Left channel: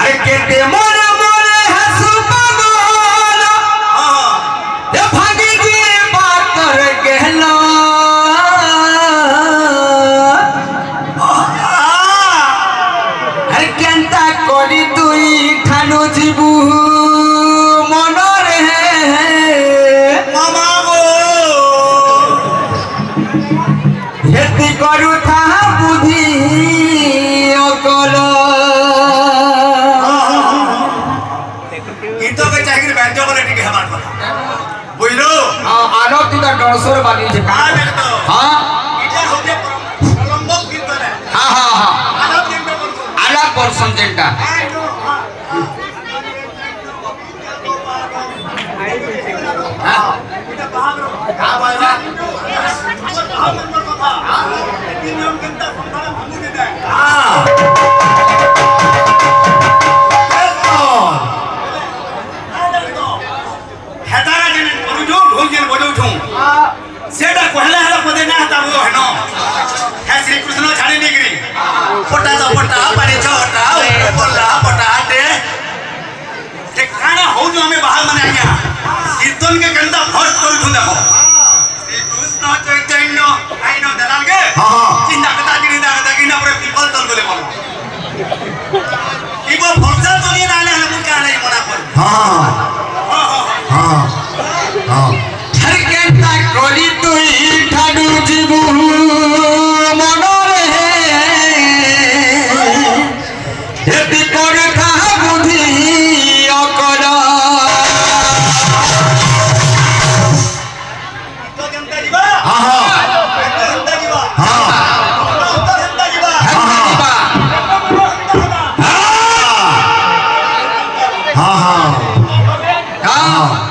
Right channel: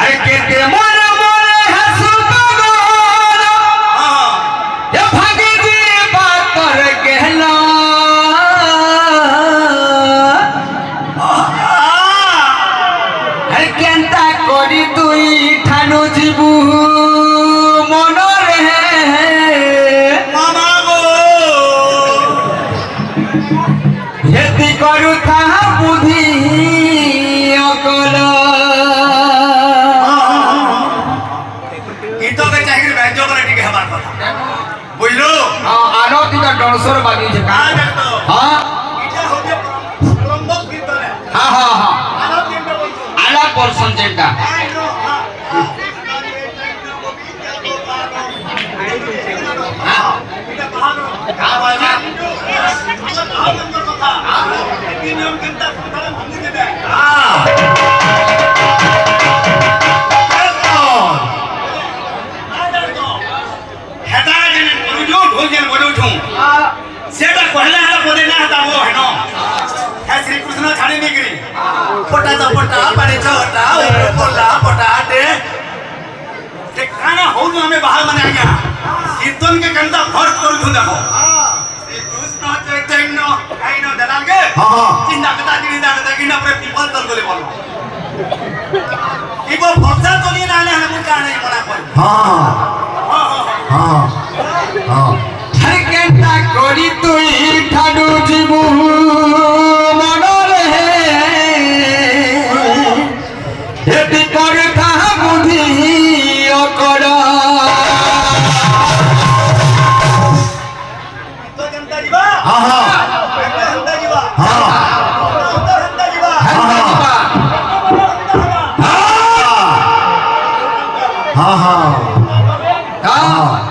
अरे केते मन मोरे हसु पगोल ये भागी जी बात कर कहला अरे केंता करी तुई ठानो जीबू मनरे मामा गो हेती करू था बुद्धि अकल इतो के चाकरी बैंजो को लेके हमार कथा बुझलो आलो तीता डोसर बानी छे का देखतो हां इटा होके प्रलंबक गीत है हां हां हां आला दिन में बोल आला पोर्शन जेंटा हां इटा बाहर हां भाई हमर बाहर नंबर कथा तीन नियम केंता संसार भांगू दे दे हां हेतागा जने बुझो ढोलजन बडो छु सेटा कहला हला पदे ना हता वो हनो हे श्री कृष्ण छाड़ी निगरी पटा चपटा पानी छोटा ओ बोला पटा दे ते खाना हो जो हमें बाहर माने आया कीर्तन के कंदा फर्स्ट कर दूं देखो श्री कृष्ण चैतन्य आइनो दलाल के हां चिंता कता किना पर पीपल तल गले बोलो इबो भरसा तो नहीं नाले हला मुका नहीं मना कर हां हां हां हर केंता करी तुई ठाडू जीबू मनरे हेती कर था बुद्धि अकल तो जनता जीवा हां हां जनता जीवा हां जनता जीवा हां हां हां